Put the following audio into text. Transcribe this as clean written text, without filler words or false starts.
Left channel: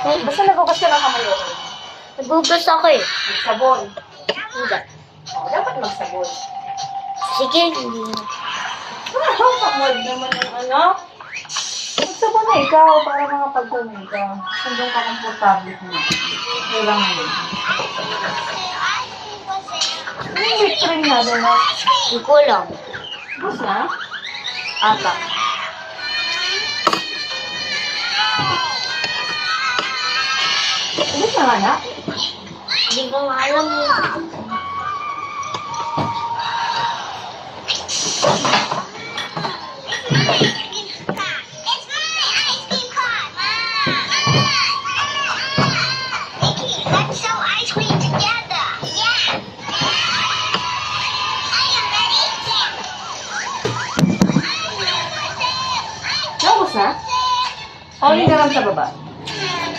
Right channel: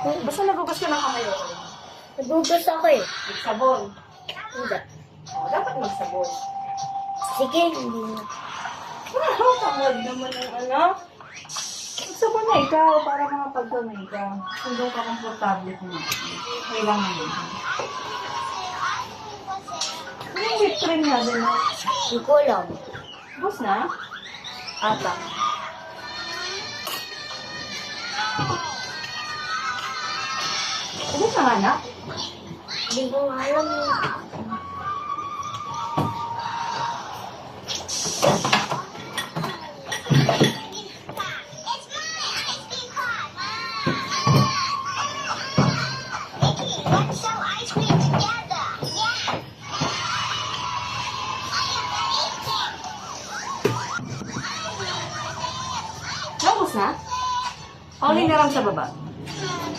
Basta nagugas ka ng kamay, okay? Nagugas ako eh. Sabon. Hindi. Dapat magsabon. Sige, hindi na. Tamad naman ang ano. Magsabon na ikaw para mga pagdumi ka. Hanggang ka komportable mo. Kailangan din. Yung whipped cream na din na. Hindi ko alam. Bus na? Ata. Bus na nga na? Hindi ko nga alam eh.